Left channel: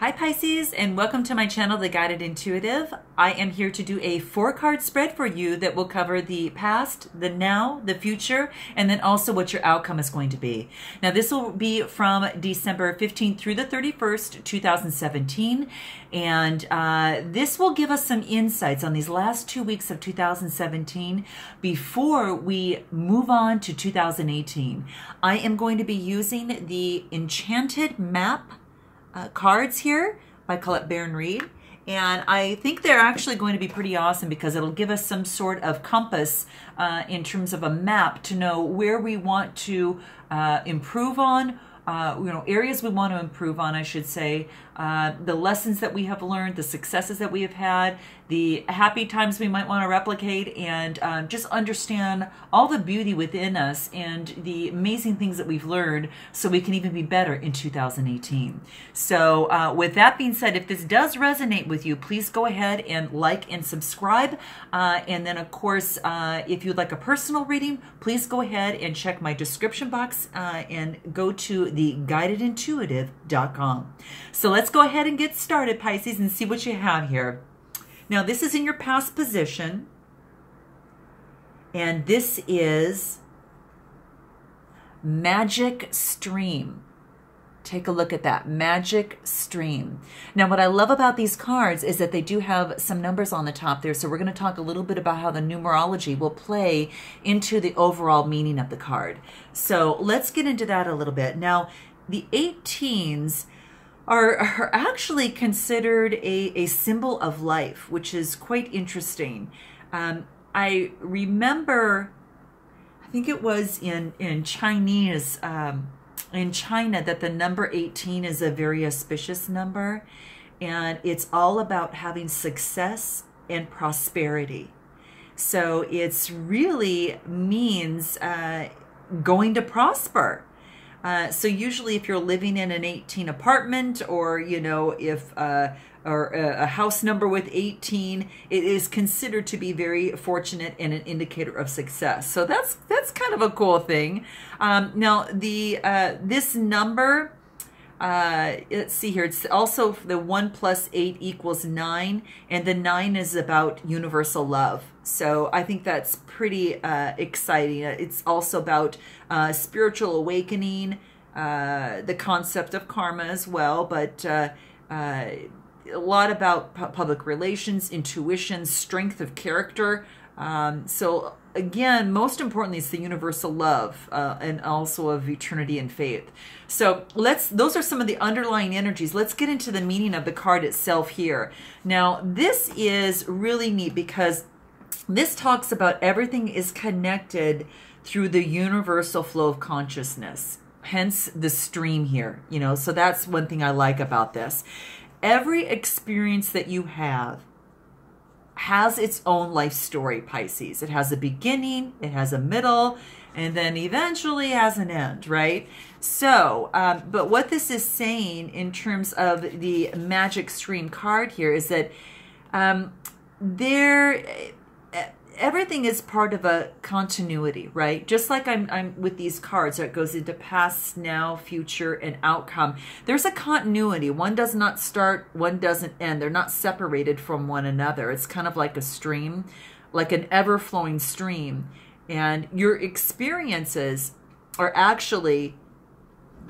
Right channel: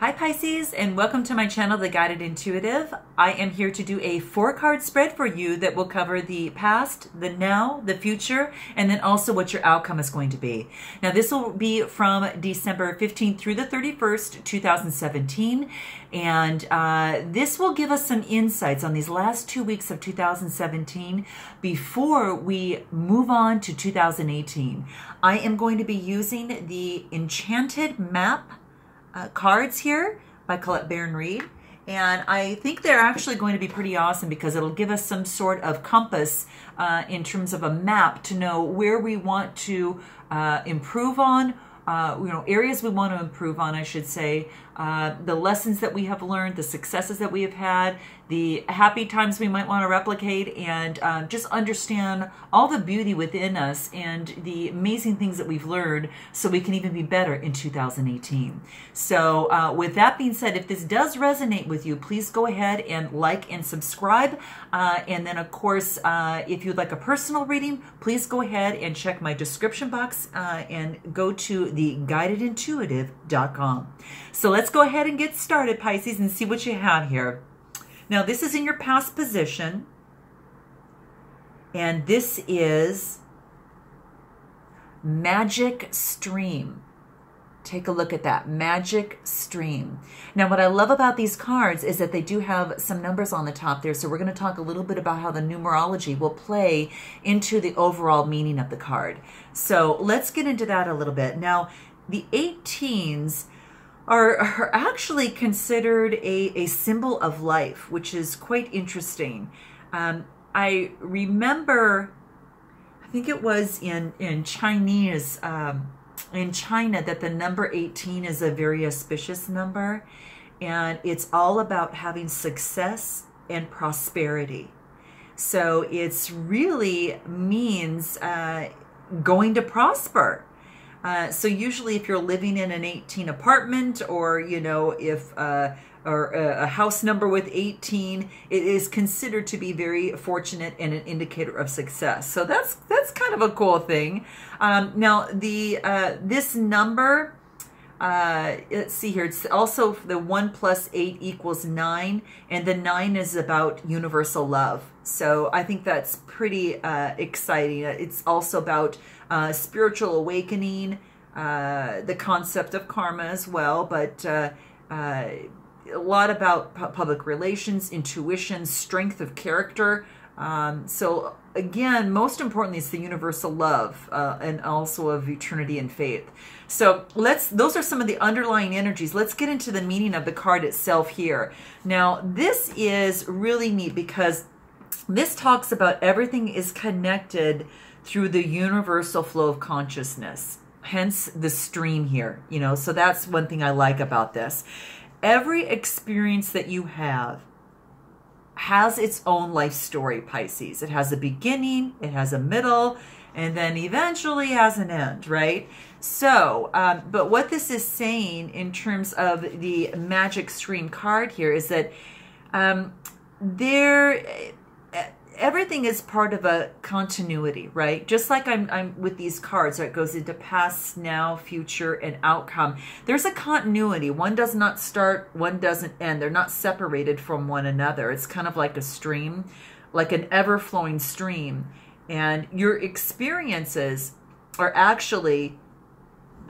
Hi Pisces, and welcome to my channel, The Guided Intuitive. I am here to do a 4-card spread for you that will cover the past, the now, the future, and then also what your outcome is going to be. Now this will be from December 15th through the 31st, 2017, and this will give us some insights on these last 2 weeks of 2017 before we move on to 2018. I am going to be using the Enchanted Map cards here by Colette Baron Reed, and I think they're actually going to be pretty awesome because it'll give us some sort of compass in terms of a map to know where we want to improve on, areas we want to improve on, I should say, the lessons that we have learned, the successes that we have had, the happy times we might want to replicate, and just understand all the beauty within us and the amazing things that we've learned so we can even be better in 2018. So with that being said, if this does resonate with you, please go ahead and like and subscribe. And then, of course, if you'd like a personal reading, please go ahead and check my description box and go to theguidedintuitive.com. So let's go ahead and get started, Pisces, and see what you have here. Now, this is in your past position, and this is Magic Stream. Take a look at that, Magic Stream. Now, what I love about these cards is that they do have some numbers on the top there, so we're going to talk a little bit about how the numerology will play into the overall meaning of the card. So let's get into that a little bit. Now, the 18s are actually considered a symbol of life, which is quite interesting. I remember, I think it was in Chinese, in China, that the number 18 is a very auspicious number, and it's all about having success and prosperity. So it's really means going to prosper. So usually if you're living in an 18 apartment, or, if or a house number with 18, it is considered to be very fortunate and an indicator of success. So that's kind of a cool thing. Now this number, let's see here, it's also the 1 + 8 = 9, and the 9 is about universal love. So I think that's pretty exciting. It's also about spiritual awakening, the concept of karma as well, but a lot about public relations, intuition, strength of character. So again, most importantly, it's the universal love and also of eternity and faith. So those are some of the underlying energies. Let's get into the meaning of the card itself here. Now, this is really neat because this talks about everything is connected through the universal flow of consciousness, hence the stream here, so that's one thing I like about this. Every experience that you have has its own life story, Pisces. It has a beginning, it has a middle, and then eventually has an end, right? So, but what this is saying in terms of the Magic Stream card here is that everything is part of a continuity, right? Just like I'm with these cards, that goes into past, now, future, and outcome. There's a continuity. One does not start, one doesn't end. They're not separated from one another. It's kind of like a stream, like an ever-flowing stream. And your experiences are actually,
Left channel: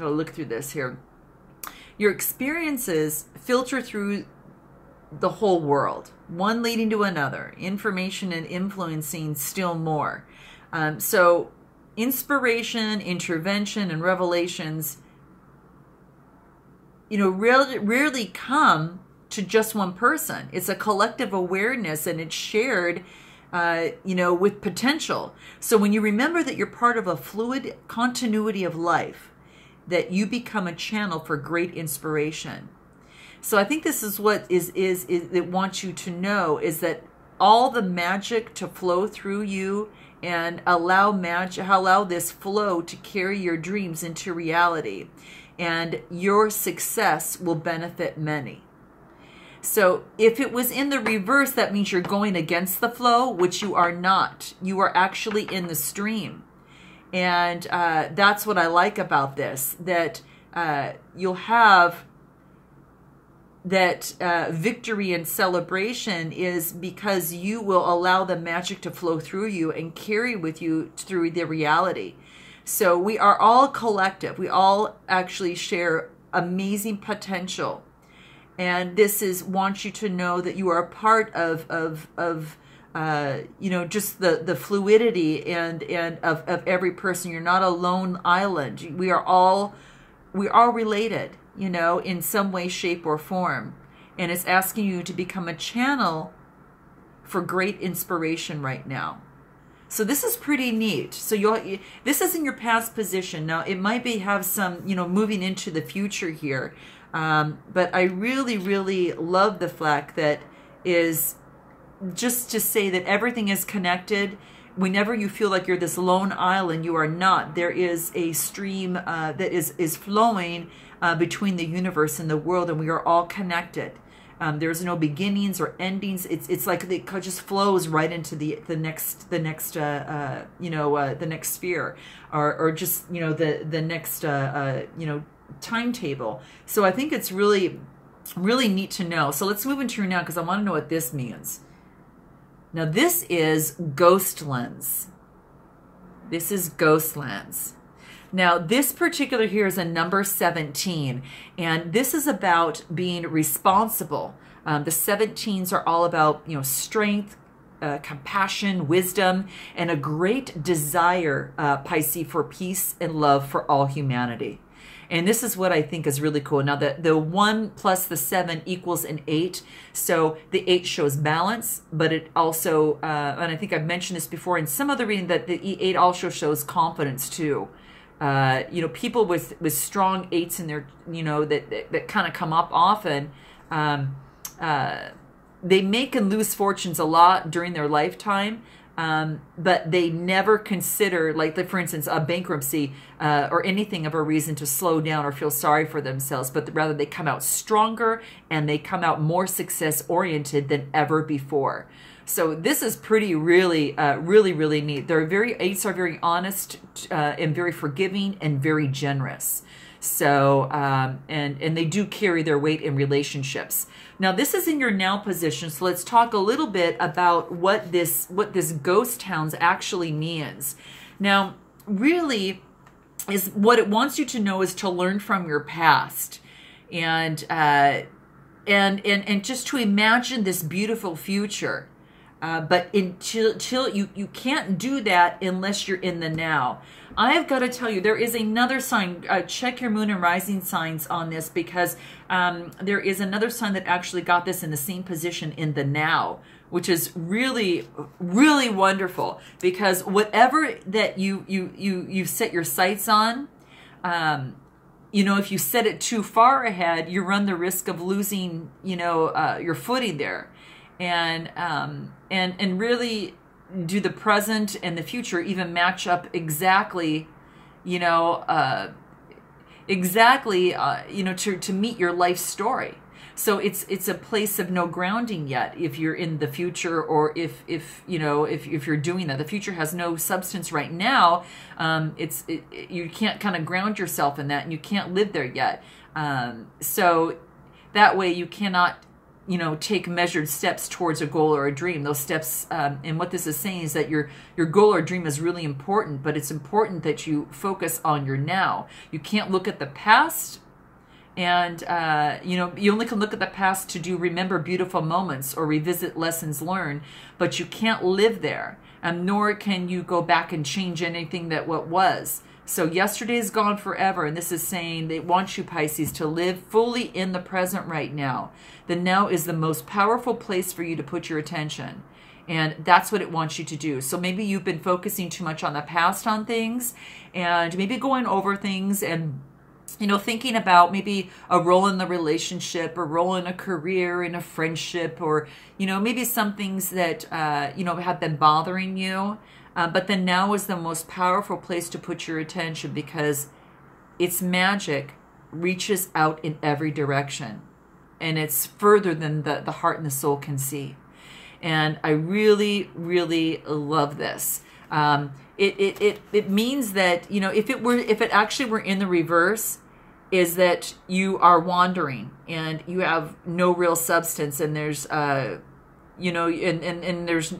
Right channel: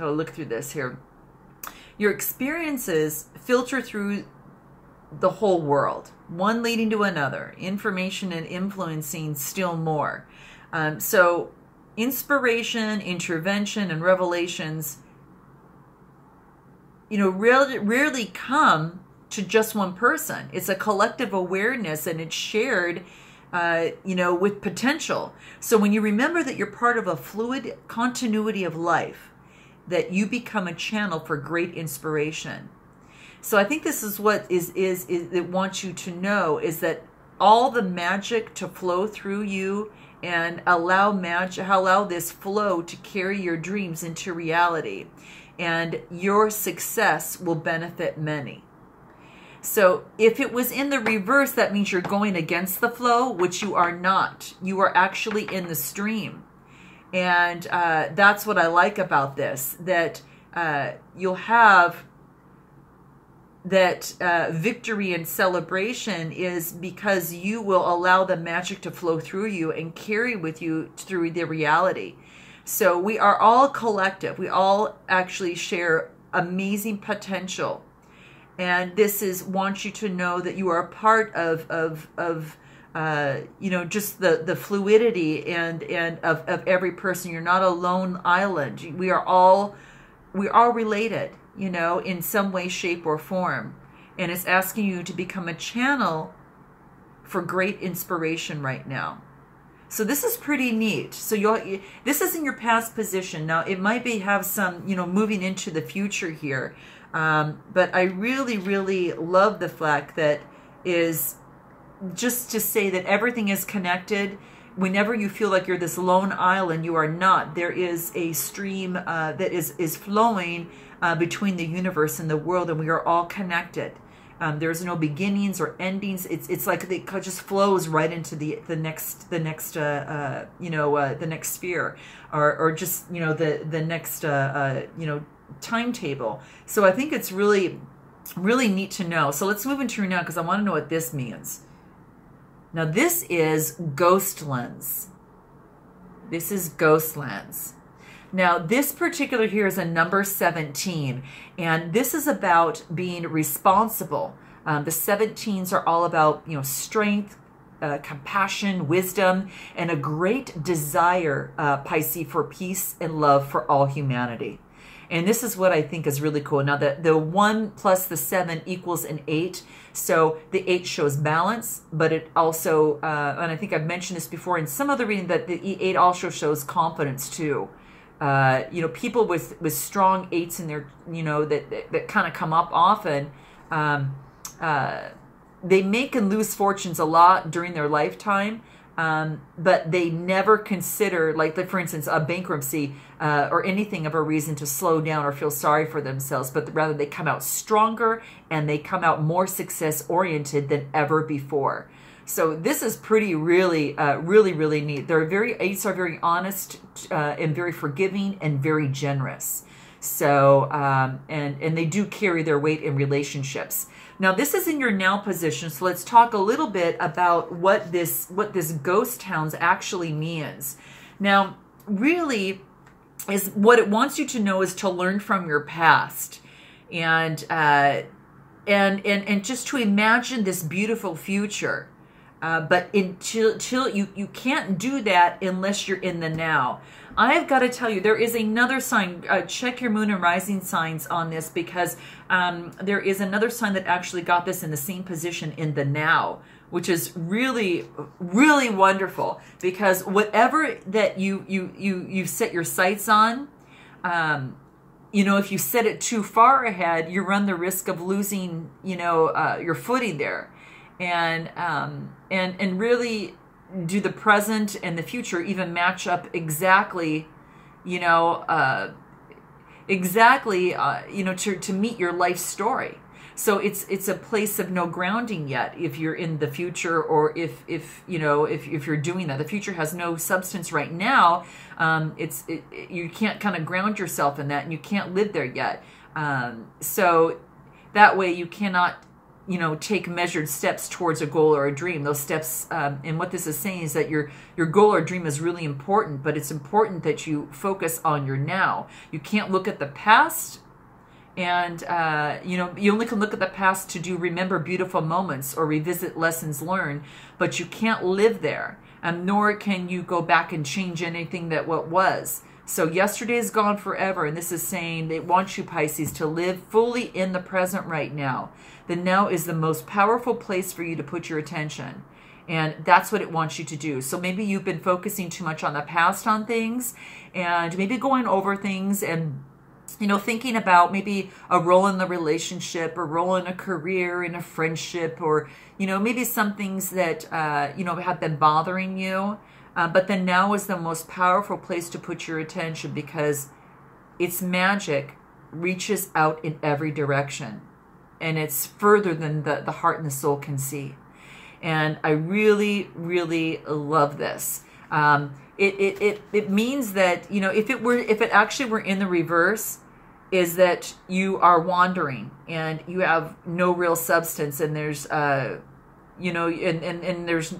I'll look through this here. Your experiences filter through the whole world, one leading to another, information and influencing still more. So inspiration, intervention, and revelations, rarely come to just one person. It's a collective awareness, and it's shared, with potential. So when you remember that you're part of a fluid continuity of life, that you become a channel for great inspiration. So I think this is what it wants you to know, is that all the magic to flow through you, and allow this flow to carry your dreams into reality, and your success will benefit many. So if it was in the reverse, that means you're going against the flow, which you are not. You are actually in the stream. And that's what I like about this, that you'll have victory and celebration is because you will allow the magic to flow through you and carry with you through the reality. So we are all collective. We all actually share amazing potential. And this is wants you to know that you are a part of you know, just the fluidity and of every person. You're not a lone island. We are all related, you know, in some way, shape, or form. And it's asking you to become a channel for great inspiration right now. So this is pretty neat. So this is in your past position. Now, it might have some, you know, moving into the future here. But I really, really love the fact that is just to say that everything is connected. Whenever you feel like you're this lone island, you are not. There is a stream that is flowing between the universe and the world, and we are all connected. There's no beginnings or endings. It's like it just flows right into the next you know, the next sphere, or just, you know, the next you know, timetable. So I think it's really, really neat to know. So let's move into now, because I want to know what this means. Now this is ghost lens. This is ghost lens. Now this particular here is a number 17, and this is about being responsible. The 17s are all about, you know, strength, compassion, wisdom, and a great desire, Pisces, for peace and love for all humanity. And this is what I think is really cool. Now, the 1 plus the 7 equals an 8. So the 8 shows balance, but it also, and I think I've mentioned this before in some other reading, that the 8 also shows confidence too. You know, people with strong 8s in their, you know, that kind of come up often, they make and lose fortunes a lot during their lifetime. But they never consider, like for instance, a bankruptcy or anything of a reason to slow down or feel sorry for themselves, but rather they come out stronger and they come out more success-oriented than ever before. So this is really, really neat. Eights are very honest and very forgiving and very generous. So, and they do carry their weight in relationships. Now, this is in your now position, so let's talk a little bit about what this ghost towns actually means. Now, really, is what it wants you to know is to learn from your past, and just to imagine this beautiful future. But until you can't do that unless you're in the now. I've got to tell you, there is another sign. Check your moon and rising signs on this, because there is another sign that actually got this in the same position in the now, which is really, really wonderful. Because whatever that you set your sights on, you know, if you set it too far ahead, you run the risk of losing, you know, your footing there, and really. Do the present and the future even match up exactly, you know, you know, to meet your life story? So it's a place of no grounding yet if you're in the future, or if you know, if you're doing that. The future has no substance right now. You can't kind of ground yourself in that, and you can't live there yet. So that way you cannot, you know, take measured steps towards a goal or a dream. Those steps, and what this is saying is that your goal or dream is really important, but it's important that you focus on your now. You can't look at the past, and you know, you only can look at the past to remember beautiful moments or revisit lessons learned, but you can't live there, nor can you go back and change anything that what was. So yesterday is gone forever, and this is saying they want you, Pisces, to live fully in the present right now. The now is the most powerful place for you to put your attention, and that's what it wants you to do. So maybe you've been focusing too much on the past on things, and maybe going over things, and you know, thinking about maybe a role in the relationship, or role in a career, in a friendship, or you know, maybe some things that you know, have been bothering you. But the now is the most powerful place to put your attention, because its magic reaches out in every direction, and it's further than the heart and the soul can see. And I really, really love this. It means that, you know, if it actually were in the reverse, is that you are wandering and you have no real substance, and there's you know, and there's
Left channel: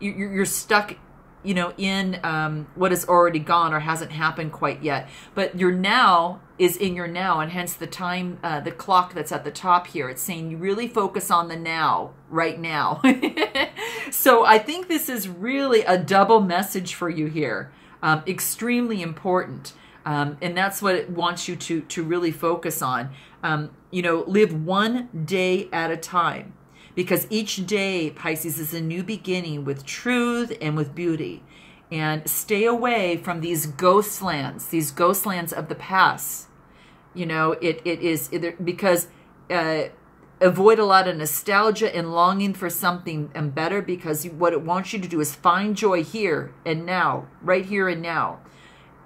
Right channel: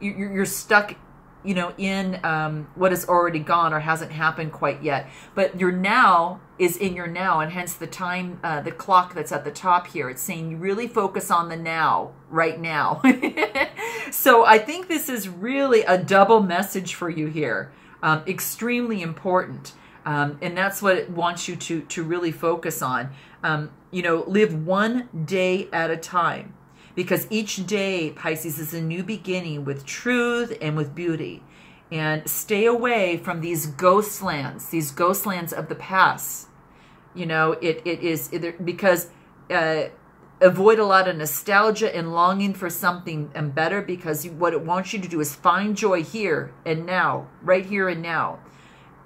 you're stuck, you know, in what is already gone or hasn't happened quite yet. But your now is in your now, and hence the time, the clock that's at the top here. It's saying you really focus on the now, right now. So I think this is really a double message for you here. Extremely important. And that's what it wants you to really focus on. You know, live one day at a time. Because each day, Pisces, is a new beginning with truth and with beauty. And stay away from these ghost lands of the past. You know, because avoid a lot of nostalgia and longing for something better, because what it wants you to do is find joy here and now, right here and now.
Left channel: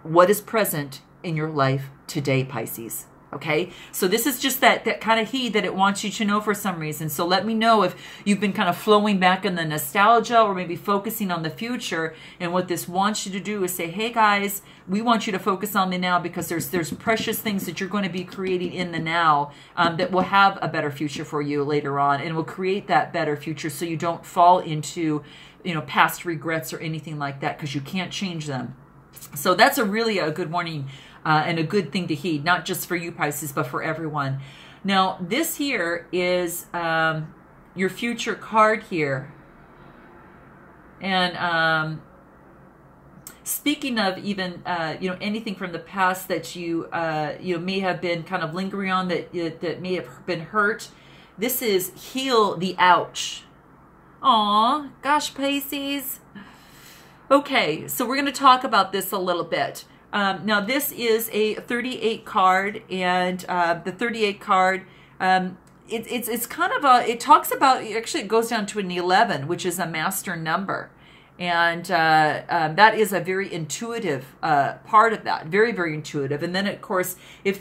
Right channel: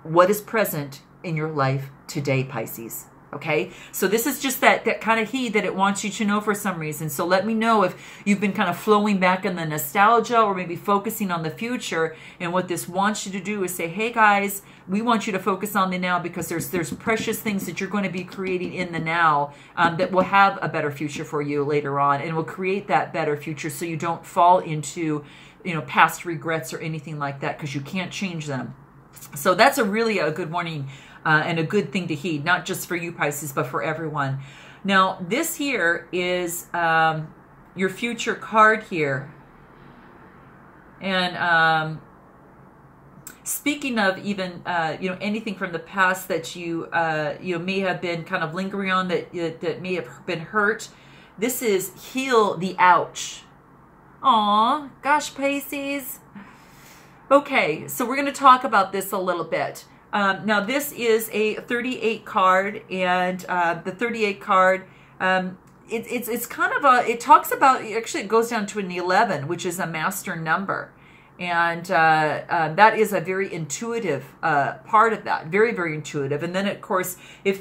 What is present in your life today, Pisces? Okay, so this is just that kind of heat that it wants you to know for some reason. So let me know if you've been kind of flowing back in the nostalgia, or maybe focusing on the future. And what this wants you to do is say, hey guys, we want you to focus on the now, because there's precious things that you're going to be creating in the now that will have a better future for you later on, and will create that better future, so you don't fall into, you know, past regrets or anything like that, because you can't change them. So that's really a good morning. And a good thing to heed, not just for you, Pisces, but for everyone. Now, this here is your future card here. And speaking of even, you know, anything from the past that you may have been kind of lingering on, that may have been hurt, this is heal the ouch. Aw, gosh, Pisces. Okay, so we're going to talk about this a little bit. Now this is a 38 card, and the 38 card, it's kind of it talks about, actually it goes down to an 11, which is a master number. And that is a very intuitive part of that, very, very intuitive. And then, of course, if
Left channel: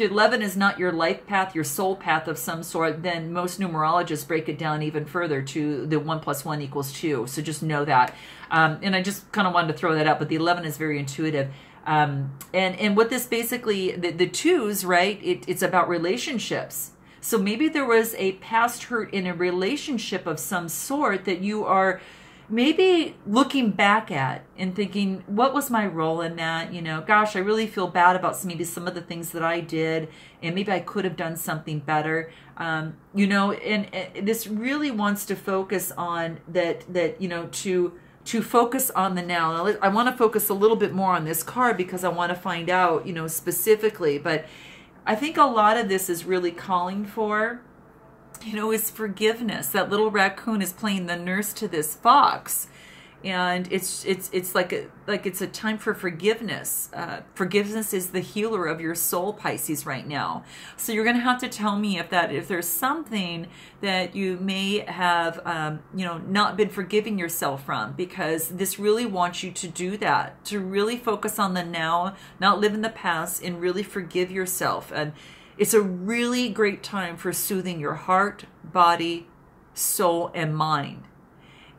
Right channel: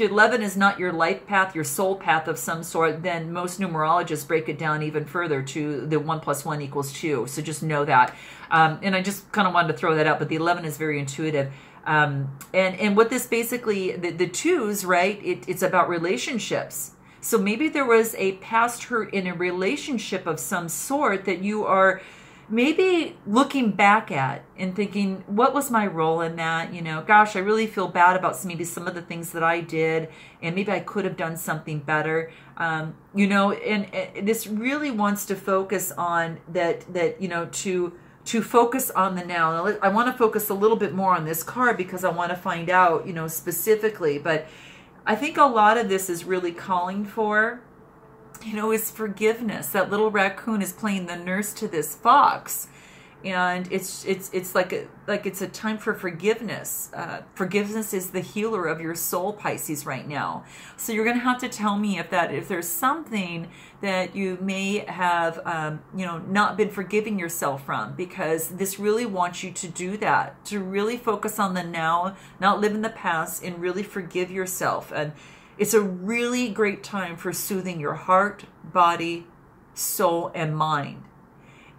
your 11 is not your life path, your soul path of some sort, then most numerologists break it down even further to the 1 + 1 = 2. So just know that. And I just kind of wanted to throw that out, but the 11 is very intuitive. And what this basically, the twos, right? It's about relationships. So maybe there was a past hurt in a relationship of some sort that you are maybe looking back at and thinking, what was my role in that? You know, gosh, I really feel bad about maybe some of the things that I did, and maybe I could have done something better. You know, and this really wants to focus on that, you know, to focus on the now. I want to focus a little bit more on this card, because I want to find out, you know, specifically. But I think a lot of this is really calling for, you know, is forgiveness. That little raccoon is playing the nurse to this fox, and it's like it's a time for forgiveness. Forgiveness is the healer of your soul, Pisces, right now. So you're going to have to tell me if there's something that you may have, you know, not been forgiving yourself from, because this really wants you to do that, to really focus on the now, not live in the past, and really forgive yourself. And it's a really great time for soothing your heart, body, soul, and mind.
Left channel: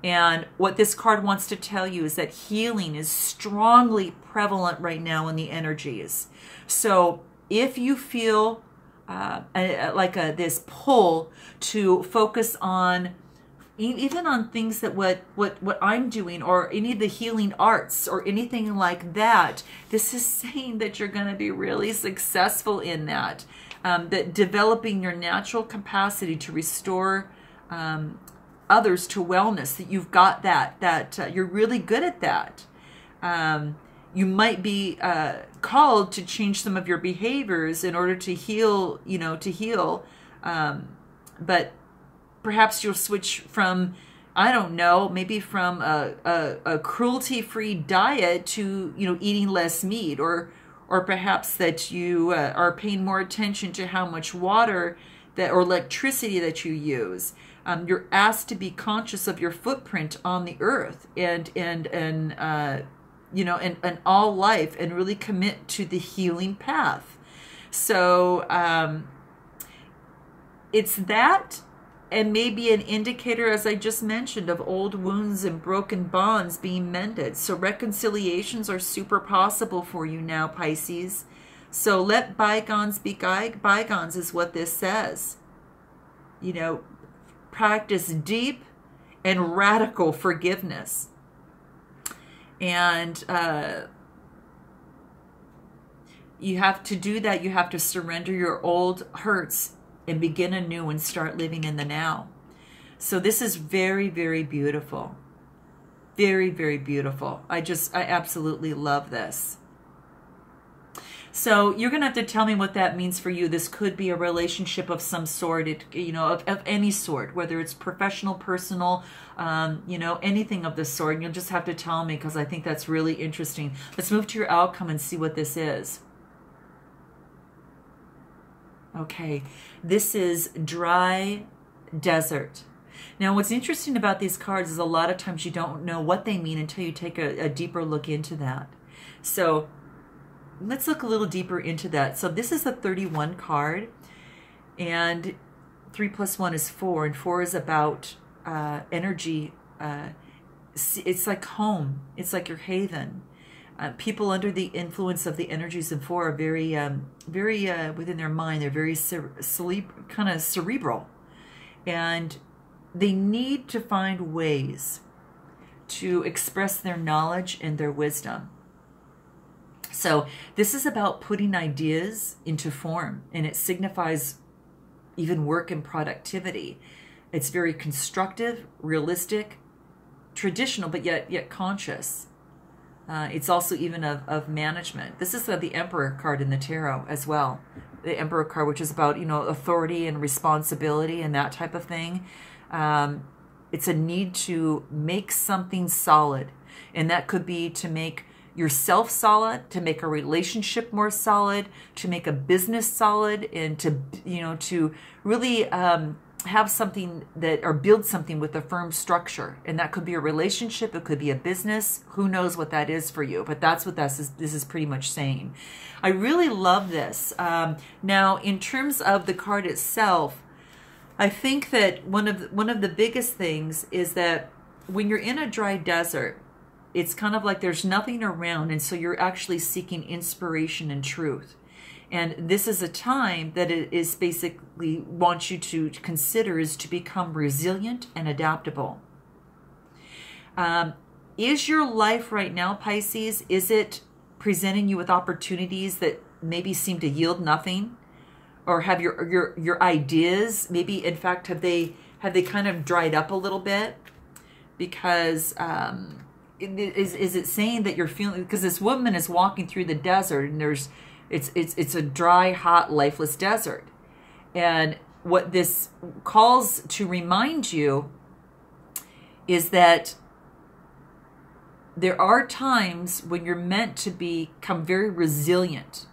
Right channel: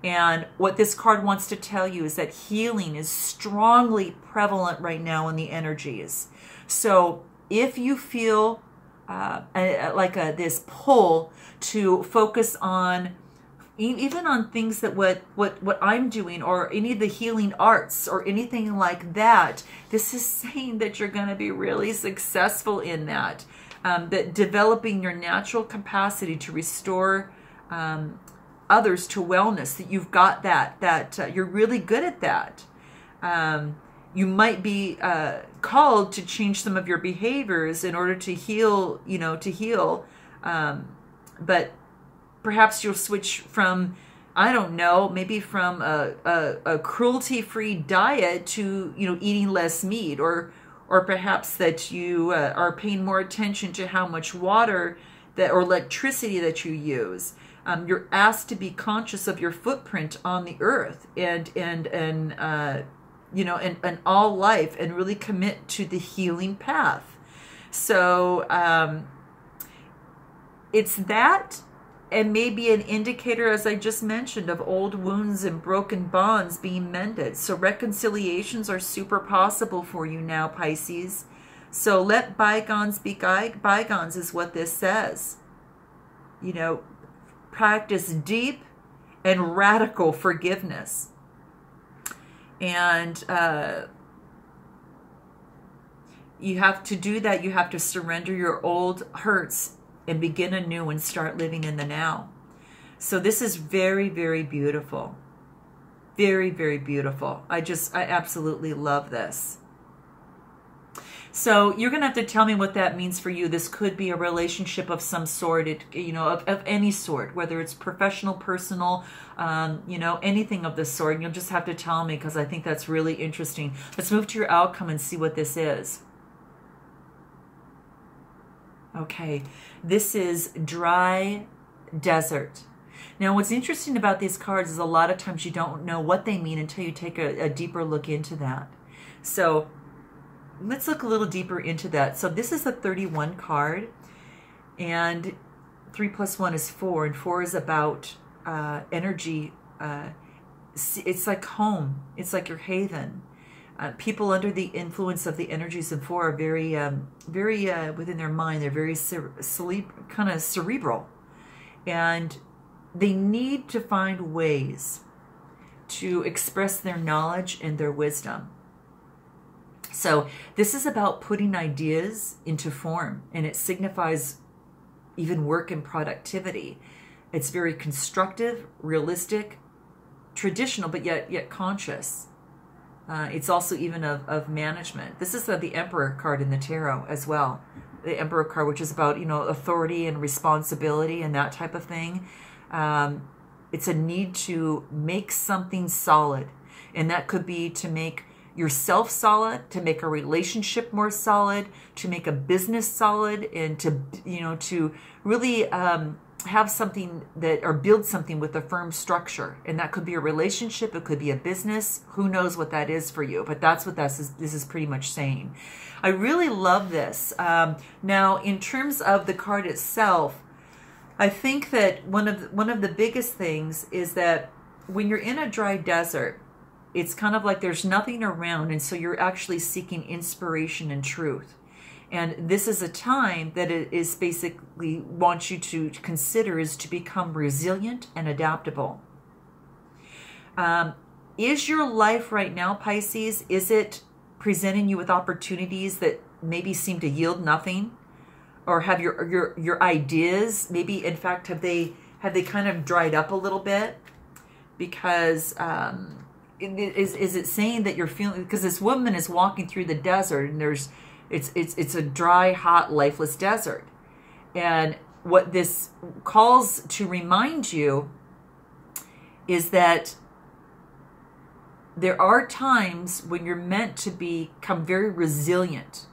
And what this card wants to tell you is that healing is strongly prevalent right now in the energies. So if you feel this pull to focus on, even on things that what I'm doing, or any of the healing arts or anything like that, this is saying that you're going to be really successful in that. That developing your natural capacity to restore others to wellness, that you've got that you're really good at that. You might be called to change some of your behaviors in order to heal, you know, but perhaps you'll switch from, I don't know, maybe from a cruelty-free diet to, you know, eating less meat, or perhaps that you are paying more attention to how much water or electricity that you use. You're asked to be conscious of your footprint on the earth and you know, and all life, and really commit to the healing path. So it's that, and maybe an indicator, as I just mentioned, of old wounds and broken bonds being mended. So reconciliations are super possible for you now, Pisces. So let bygones be bygones is what this says. You know, practice deep and radical forgiveness. And you have to do that. You have to surrender your old hurts and begin anew and start living in the now. So this is very, very beautiful. Very, very beautiful. I absolutely love this. So you're going to have to tell me what that means for you. This could be a relationship of some sort, of any sort, whether it's professional, personal, anything of this sort. And you'll just have to tell me, because I think that's really interesting. Let's move to your outcome and see what this is. Okay, this is dry desert. Now, what's interesting about these cards is a lot of times you don't know what they mean until you take a deeper look into that. So let's look a little deeper into that. So this is a 31 card, and 3 + 1 is 4, and 4 is about energy. It's like home. It's like your haven. People under the influence of the energies of 4 are very within their mind. They're very kind of cerebral, and they need to find ways to express their knowledge and their wisdom. So this is about putting ideas into form, and it signifies even work and productivity. It's very constructive, realistic, traditional, but yet conscious. It's also even of management. This is the Emperor card in the tarot as well. The Emperor card, which is about, authority and responsibility and that type of thing. It's a need to make something solid. And that could be to make yourself solid, to make a relationship more solid, to make a business solid, and to really have something or build something with a firm structure. And that could be a relationship, it could be a business. Who knows what that is for you? But that's what this is pretty much saying. I really love this. Now, in terms of the card itself, I think that one of the biggest things is that when you're in a dry desert, it's kind of like there's nothing around, and so you're actually seeking inspiration and truth. And this is a time that it is basically wants you to consider is to become resilient and adaptable. Is your life right now, Pisces, is it presenting you with opportunities that maybe seem to yield nothing? Or have your ideas, maybe in fact, have they kind of dried up a little bit? Because is it saying that you're feeling, because this woman is walking through the desert, and it's a dry, hot, lifeless desert. And what this calls to remind you is that there are times when you're meant to become very resilient,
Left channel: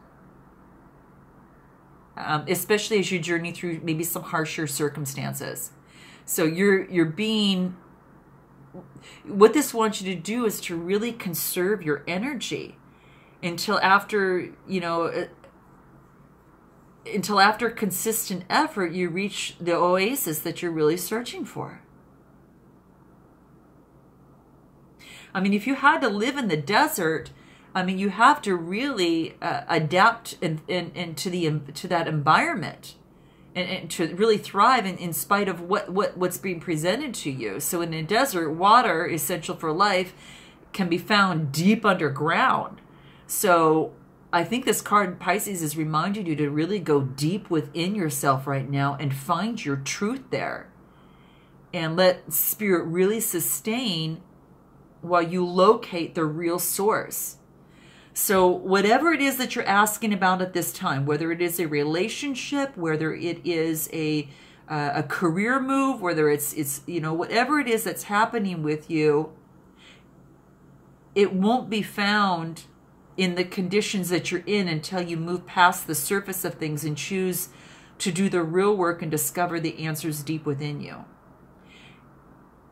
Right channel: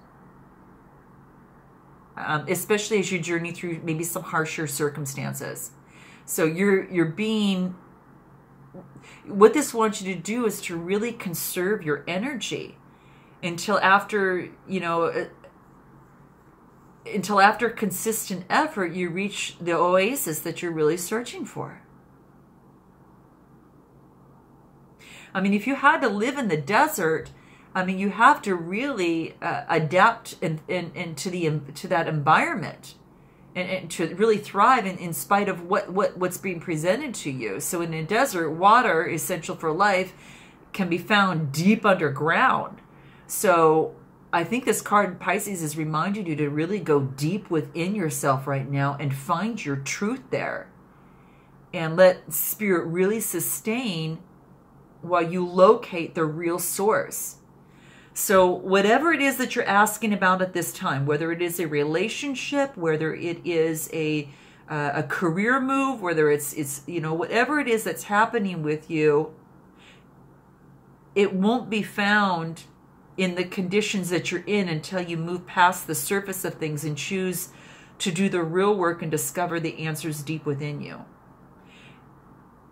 especially as you journey through maybe some harsher circumstances. So you're being, what this wants you to do is to really conserve your energy until after, until after consistent effort, you reach the oasis that you're really searching for. I mean, if you had to live in the desert, I mean, you have to really adapt to that environment and to really thrive in spite of what's being presented to you. So in a desert, water, essential for life, can be found deep underground. So I think this card, Pisces, is reminding you to really go deep within yourself right now and find your truth there. And let Spirit really sustain while you locate the real source. So whatever it is that you're asking about at this time, whether it is a relationship, whether it is a career move, whether it's whatever it is that's happening with you, it won't be found in the conditions that you're in until you move past the surface of things and choose to do the real work and discover the answers deep within you.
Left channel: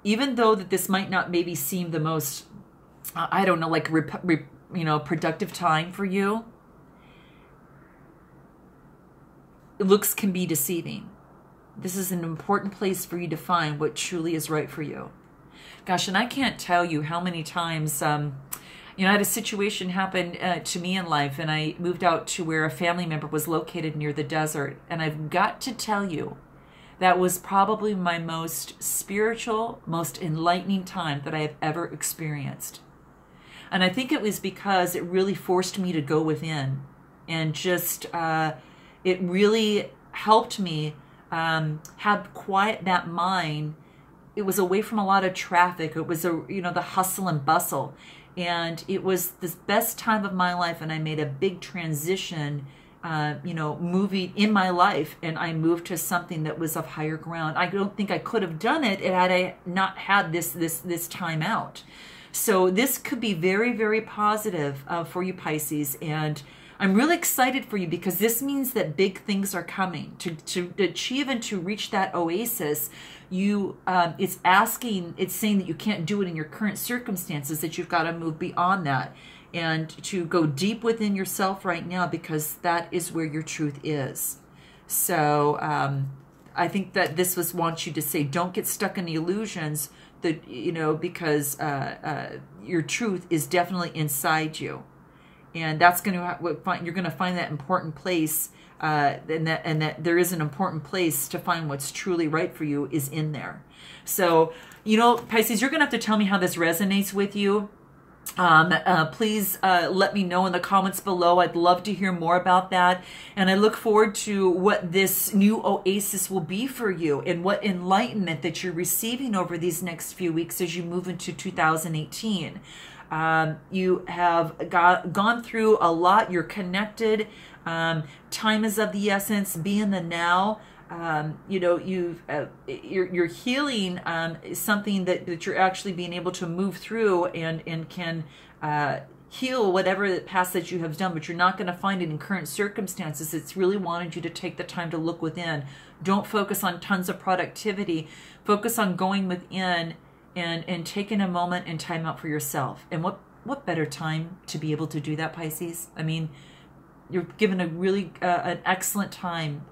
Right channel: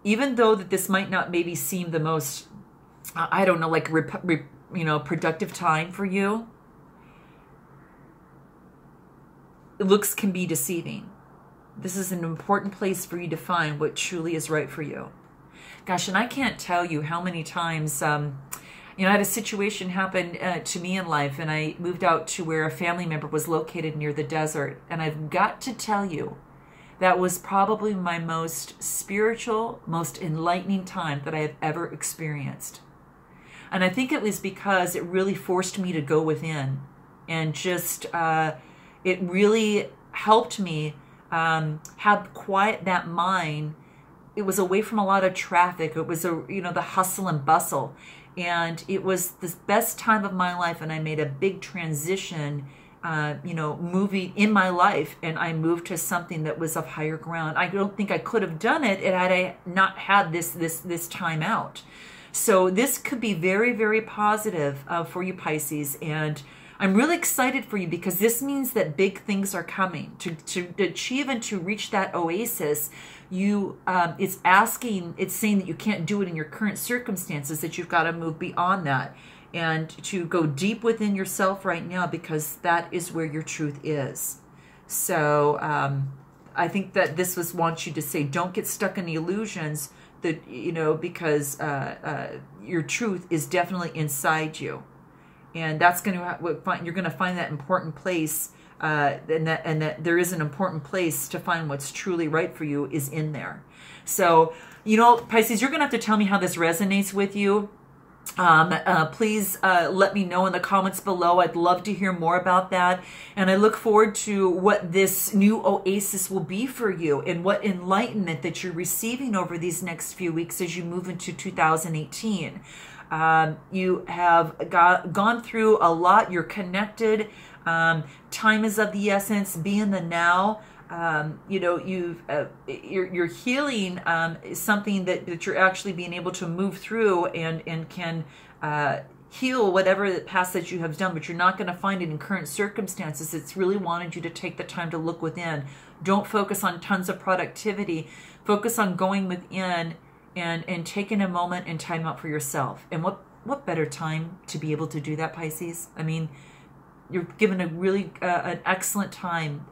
Even though that this might not maybe seem the most, I don't know, like productive time for you, looks can be deceiving. This is an important place for you to find what truly is right for you. Gosh, and I can't tell you how many times, I had a situation happen to me in life, and I moved out to where a family member was located near the desert. And I've got to tell you, that was probably my most spiritual, most enlightening time that I have ever experienced. And I think it was because it really forced me to go within, and just, it really helped me have quiet that mind. It was away from a lot of traffic. It was the hustle and bustle. And it was the best time of my life, and I made a big transition, moving in my life, and I moved to something that was of higher ground. I don't think I could have done it had I not had this time out. So this could be very, very positive for you, Pisces, and I'm really excited for you because this means that big things are coming. To achieve and to reach that oasis, it's saying that you can't do it in your current circumstances, that you've got to move beyond that and to go deep within yourself right now, because that is where your truth is. So I think that this wants you to say, don't get stuck in the illusions that, because your truth is definitely inside you. And that's you're going to find that important place, and that there is an important place to find what's truly right for you is in there. So, Pisces, you're going to have to tell me how this resonates with you. Please let me know in the comments below. I'd love to hear more about that. And I look forward to what this new oasis will be for you, and what enlightenment that you're receiving over these next few weeks as you move into 2018. You have gone through a lot. You're connected. Time is of the essence. Be in the now. You're healing something that you're actually being able to move through and can heal whatever the past that you have done, but you're not going to find it in current circumstances. It's really wanted you to take the time to look within. Don't focus on tons of productivity. Focus on going within and taking a moment and time out for yourself. And what better time to be able to do that, Pisces? I mean, you're given a really an excellent time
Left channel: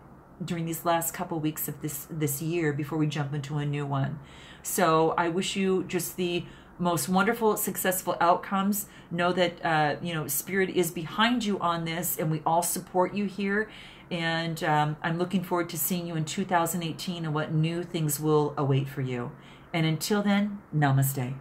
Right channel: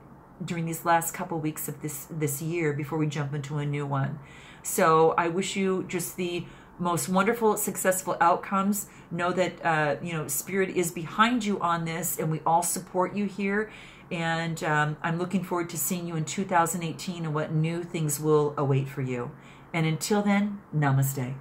during these last couple weeks of this year before we jump into a new one. So I wish you just the most wonderful, successful outcomes. Know that Spirit is behind you on this, and we all support you here. And I'm looking forward to seeing you in 2018 and what new things will await for you. And until then, namaste.